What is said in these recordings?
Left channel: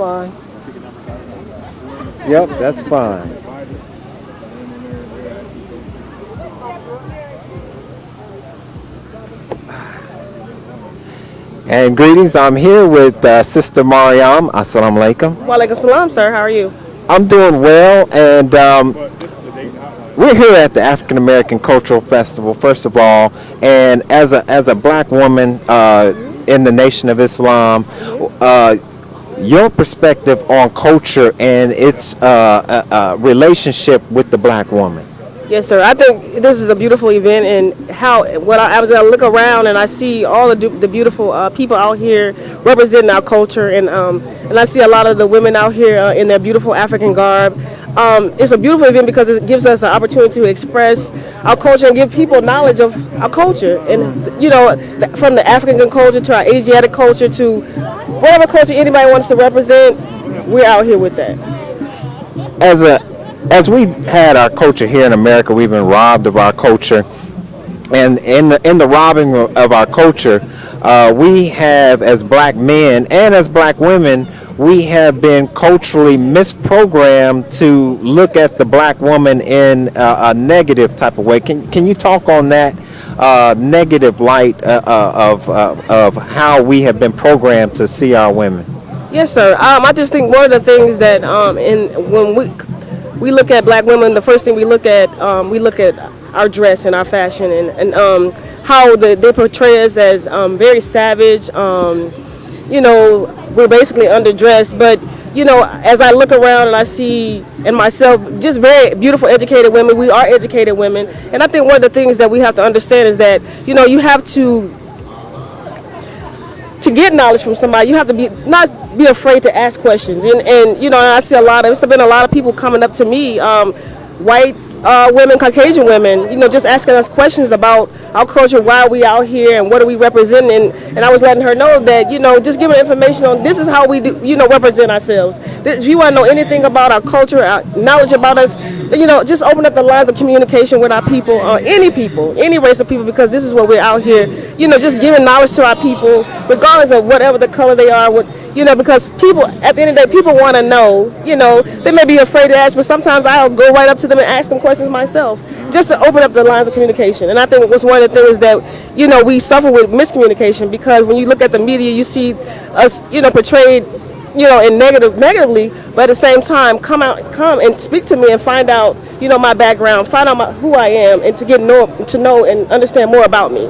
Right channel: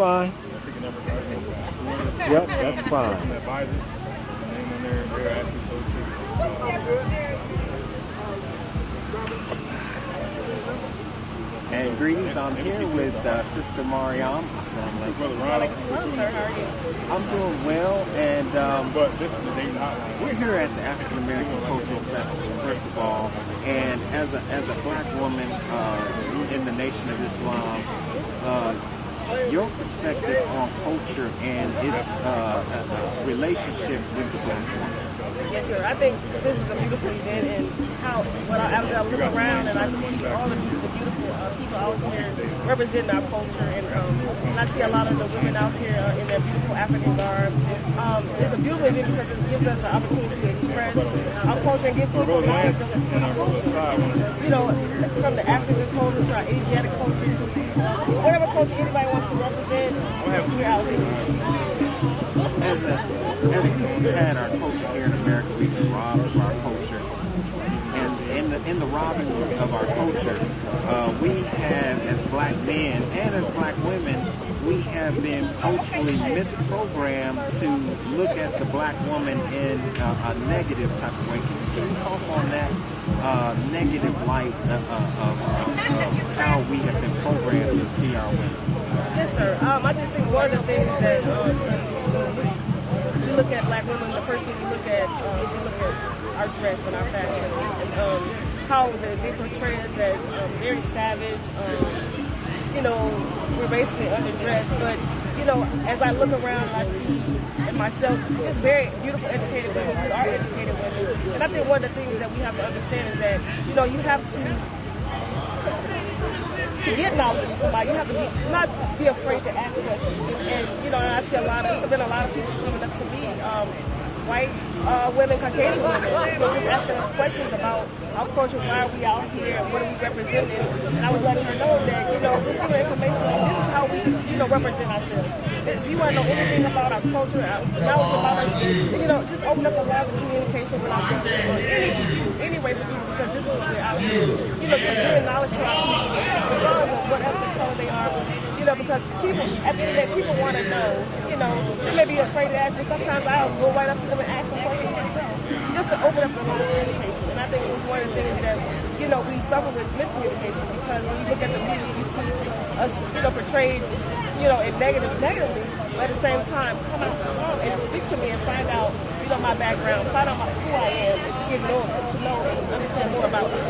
fine. Yep, that's fine. And greetings, I'm here with Sister Mariam. Assalamu alaikum. Walaikum salam, sir. How are you? I'm doing well, and we're here at the African American Cultural Festival, first of all, and as a black woman in the Nation of Islam, your perspective on culture and its relationship with the black woman. Yes, sir. I think this is a beautiful event, and as I look around and I see all the beautiful people out here representing our culture, and I see a lot of the women out here in their beautiful African garb. It's a beautiful event because it gives us an opportunity to express our culture and give people knowledge of our culture, and from the African culture to our Asiatic culture to whatever culture anybody wants to represent, we're out here with that. As we've had our culture here in America, we've been robbed of our culture, and in the robbing of our culture, we have, as black men and as black women, we have been culturally misprogrammed to look at the black woman in a negative type of way. Can you talk on that negative light of how we have been programmed to see our women? Yes, sir. I just think one of the things that when we look at black women, the first thing we look at our dress and our fashion, and how they portray us as very savage. We're basically underdressed, but as I look around and I see in myself just very beautiful, educated women. We are educated women, and I think one of the things that we have to understand is that you have to get knowledge from somebody. You have to not be afraid to ask questions, and I see there's been a lot of people coming up to me, white women, Caucasian women, just asking us questions about our culture, why are we out here, and what are we representing, and I was letting her know that, just giving her information on this is how we do, represent ourselves. If you want to know anything about our culture, our knowledge about us, just open up the lines of communication with our people, any race of people, because this is what we're out here, just giving knowledge to our people, regardless of whatever the color they are, because people, at the end of the day, people want to know, they may be afraid to ask, but sometimes I'll go right up to them and ask them questions myself, just to open up the lines of communication. And I think it was one of the things that, we suffer with miscommunication, because when you look at the media, you see us, portrayed, in negatively, but at the same time, come and speak to me and find out, my background, find out who I am, and to know and understand more about me.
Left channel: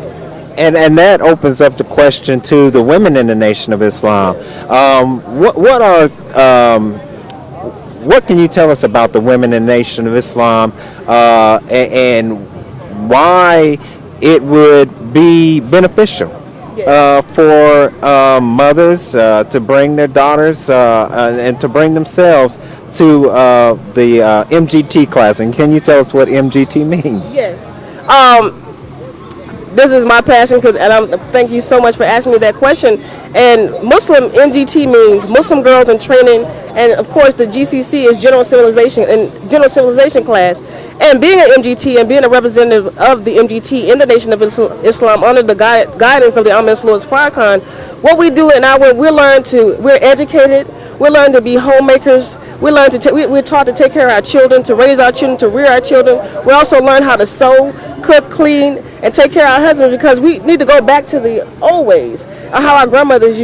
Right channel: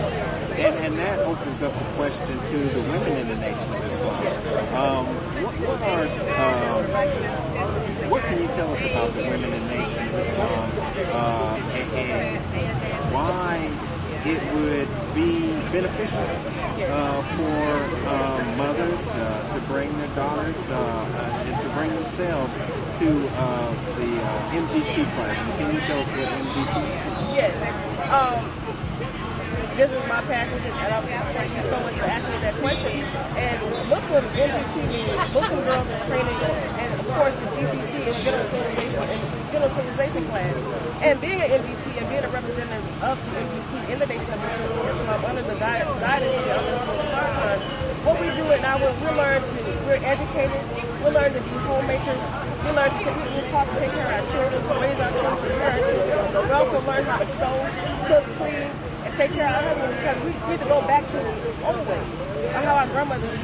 And that opens up the question to the women in the Nation of Islam. What can you tell us about the women in the Nation of Islam, and why it would be beneficial for mothers to bring their daughters and to bring themselves to the MGT class? And can you tell us what MGT means? Yes. This is my passion, and thank you so much for asking me that question. And Muslim, MGT means Muslim Girls in Training, and of course the GCC is General Civilization class. And being an MGT and being a representative of the MGT in the Nation of Islam under the guidance of the Imam Louis Farrakhan, what we do in we're educated, we learn to be homemakers, we're taught to take care of our children, to raise our children, to rear our children. We also learn how to sew, cook, clean, and take care of our husbands, because we need to go back to the old ways, how our grandmothers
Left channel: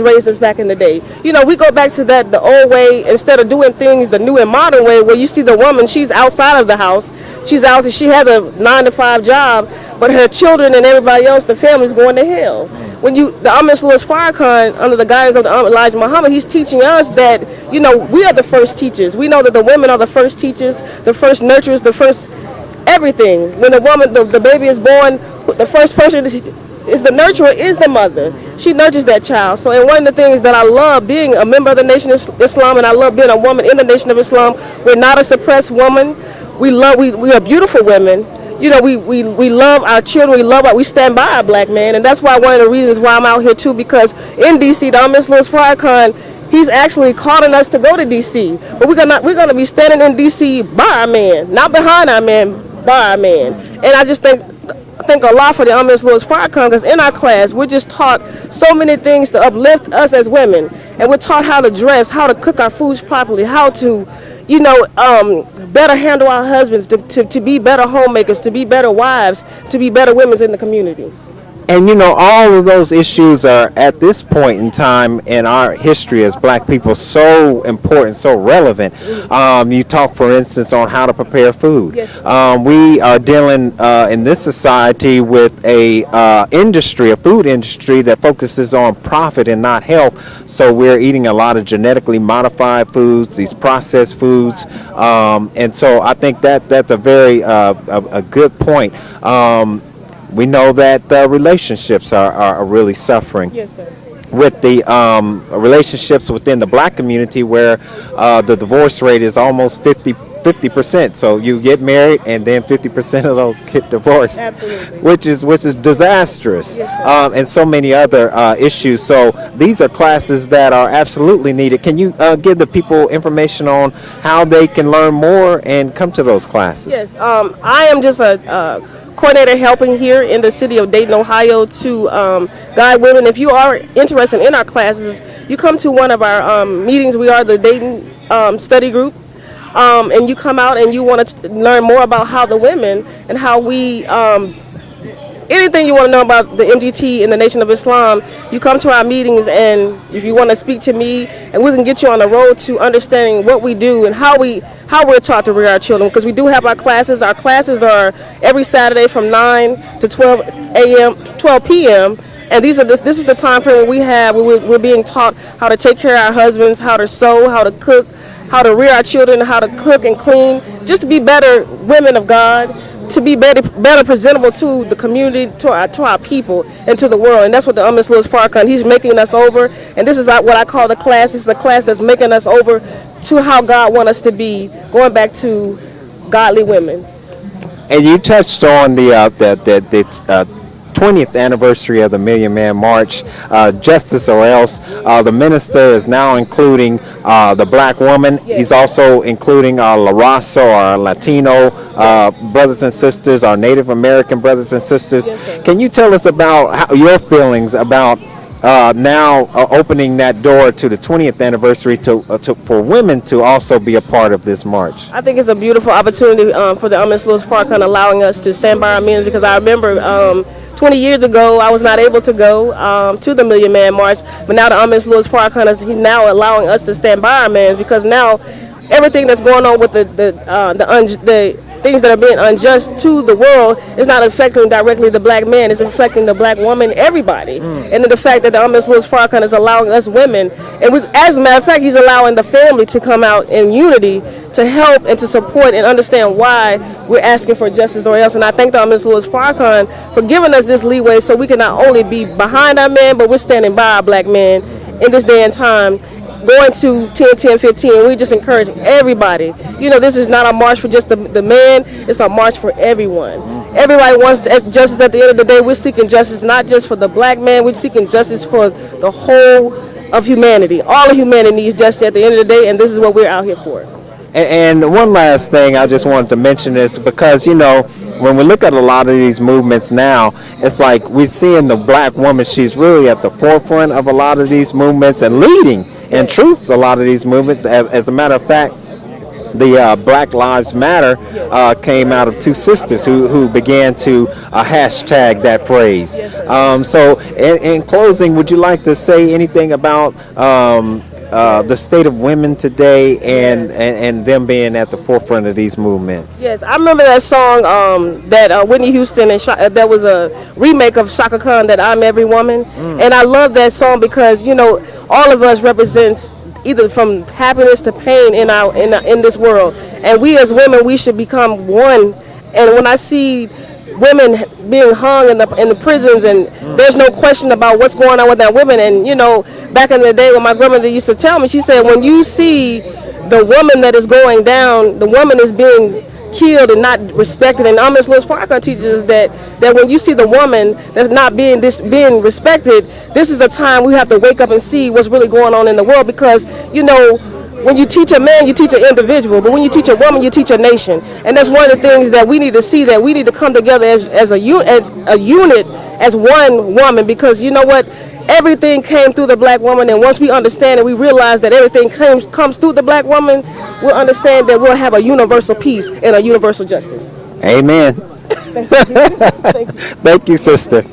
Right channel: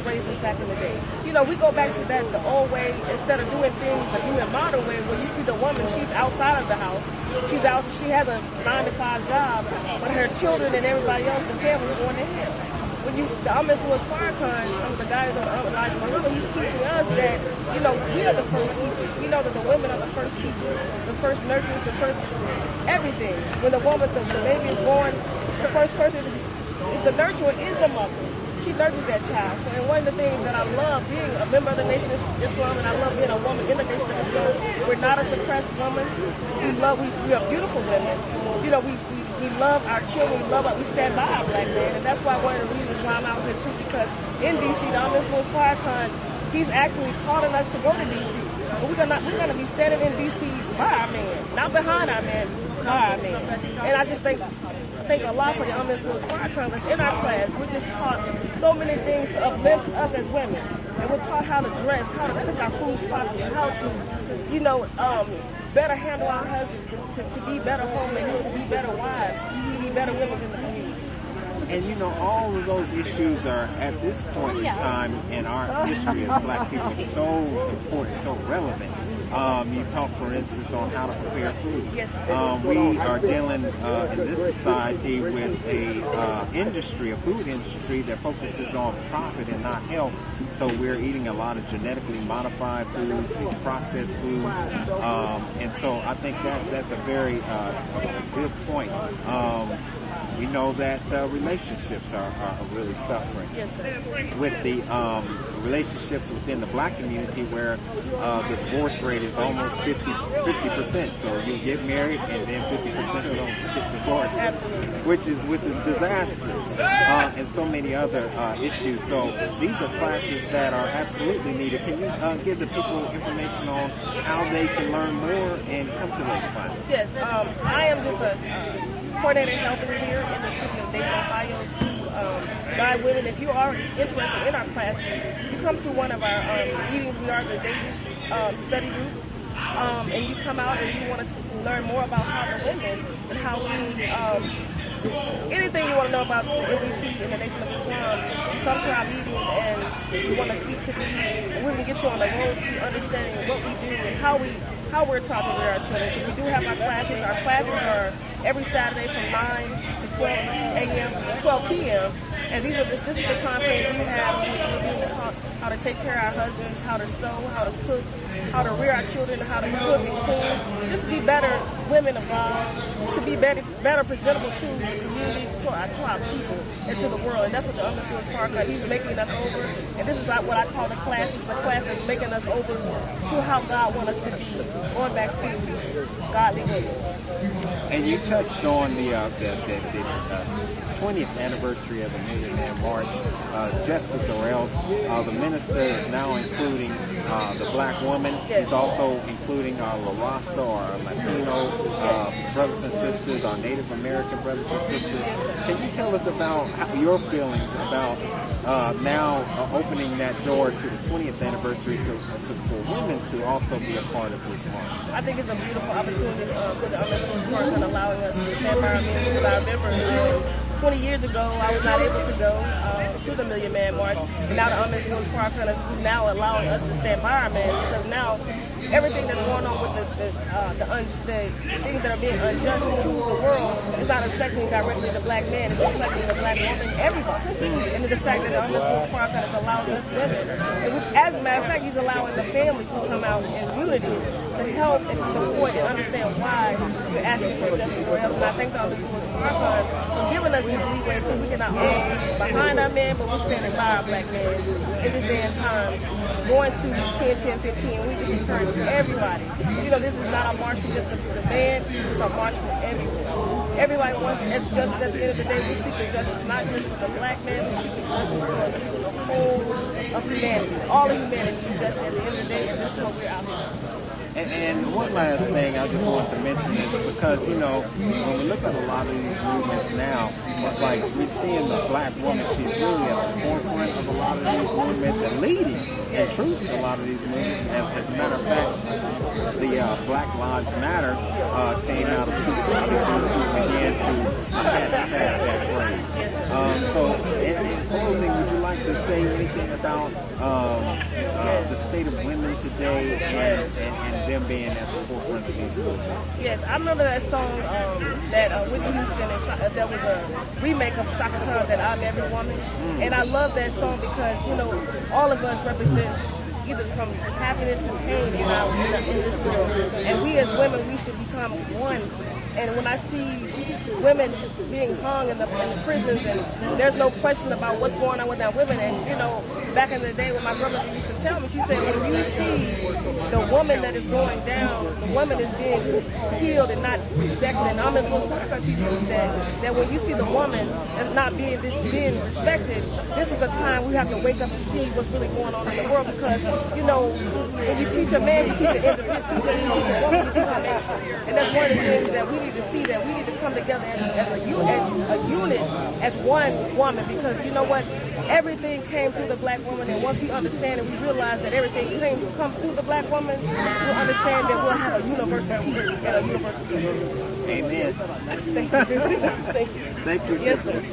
raised us back in the day. We go back to the old way, instead of doing things the new and modern way, where you see the woman, she's outside of the house, she has a 9-to-5 job, but her children and everybody else, the family's going to hell. When the Imam Louis Farrakhan, under the guidance of the Elijah Muhammad, he's teaching us that, we are the first teachers. We know that the women are the first teachers, the first nurturers, the first everything. When the woman, the baby is born, the first person is the nurturer, is the mother. She nurtures that child. So, and one of the things that I love being a member of the Nation of Islam, and I love being a woman in the Nation of Islam, we're not a suppressed woman. We are beautiful women. We love our children. We stand by our black man, and that's why one of the reasons why I'm out here too. Because in D.C., the Imam Louis Farrakhan, he's actually calling us to go to D.C. But we're gonna be standing in D.C. by our man, not behind our man, by our man. And I just thank a lot for the Imam Louis Farrakhan, because in our class we're just taught so many things to uplift us as women. and we're taught how to dress, how to cook our foods properly, how to, better handle our husbands, to be better homemakers, to be better wives, to be better women in the community. And all of those issues are at this point in time in our history as black people so important, so relevant. You talk, for instance, on how to prepare food. We are dealing in this society with a food industry that focuses on profit and not health. So we're eating a lot of genetically modified foods, these processed foods, and so I think that's a very a good point. We know that relationships are really suffering. Yes, sir. With the relationships within the black community, where the divorce rate is almost 50%. So you get married and then 50% of those get divorced. Absolutely. which is disastrous, and so many other issues. So these are classes that are absolutely needed. Can you give the people information on how they can learn more and come to those classes? Yes, I am just a coordinator helping here in the city of Dayton, Ohio, to guide women. If you are interested in our classes, you come to one of our meetings. We are the Dayton study group, and you come out and you want to learn more about how the women and how we anything you want to know about the MGT and the Nation of Islam, you come to our meetings, and if you want to speak to me, and we can get you on the road to understanding what we do and how we're taught to rear our children, because we do have our classes. Our classes are every Saturday from 9 to 12 p.m. And this is the time frame we're being taught how to take care of our husbands, how to sew, how to cook, how to rear our children, how to cook and clean, just to be better women of God, to be better presentable to the community, to our people, and to the world. And that's what the Miss Lewis Farrakhan, he's making us over. And this is what I call the class. This is a class that's making us over to how God wants us to be, going back to godly women. And you touched on the 20th anniversary of the Million Man March, Justice or Else. The minister is now including the black woman. He's also including our La Raza, our Latino brothers and sisters, our Native American brothers and sisters. Can you tell us about your feelings about now opening that door to the 20th anniversary for women to also be a part of this march? I think it's a beautiful opportunity for the Miss Lewis Farrakhan, allowing us to stand by our men, because I remember 20 years ago, I was not able to go to the Million Man March, but now the Miss Lewis Farrakhan is now allowing us to stand by our men, because now everything that's going on with the things that are being unjust to the world is not affecting directly the black man, it's affecting the black woman, everybody. And the fact that the Miss Lewis Farrakhan is allowing us women, and as a matter of fact, he's allowing the family to come out in unity to help and to support and understand why we're asking for justice or else. And I thank the Miss Lewis Farrakhan for giving us this leeway, so we can not only be behind our men, but we're standing by our black men in this day and time. Going to 10-10-15, we just encourage everybody. This is not a march for just the man, it's a march for everyone. Everybody wants justice at the end of the day. We're seeking justice not just for the black man, we're seeking justice for the whole of humanity. All of humanity needs justice at the end of the day, and this is what we're out here for. And one last thing I just wanted to mention is because, when we look at a lot of these movements now, it's like we're seeing the black woman, she's really at the forefront of a lot of these movements and leading, in truth, a lot of these movements. As a matter of fact, the Black Lives Matter came out of two sisters who began to hashtag that phrase. So in closing, would you like to say anything about the state of women today and them being at the forefront of these movements? Yes, I remember that song that Whitney Houston and that was a remake of Shaka Khan, that I'm Every Woman. And I love that song because all of us represents either from happiness to pain in this world, and we as women, we should become one. And when I see women being hung in the prisons, and there's no question about what's going on with that women. And back in the day when my grandmother used to tell me, she said, when you see the woman that is going down, the woman is being killed and not respected. And Miss Lewis Farrakhan teaches us that when you see the woman that's not being respected, this is the time we have to wake up and see what's really going on in the world. Because when you teach a man, you teach an individual, but when you teach a woman, you teach a nation. And that's one of the things that we need to see, that we need to come together as a unit, as one woman, because you know what? everything came through the black woman, and once we understand and we realize that everything comes through the black woman, we'll understand that we'll have a universal peace and a universal justice. Amen. Thank you, sister.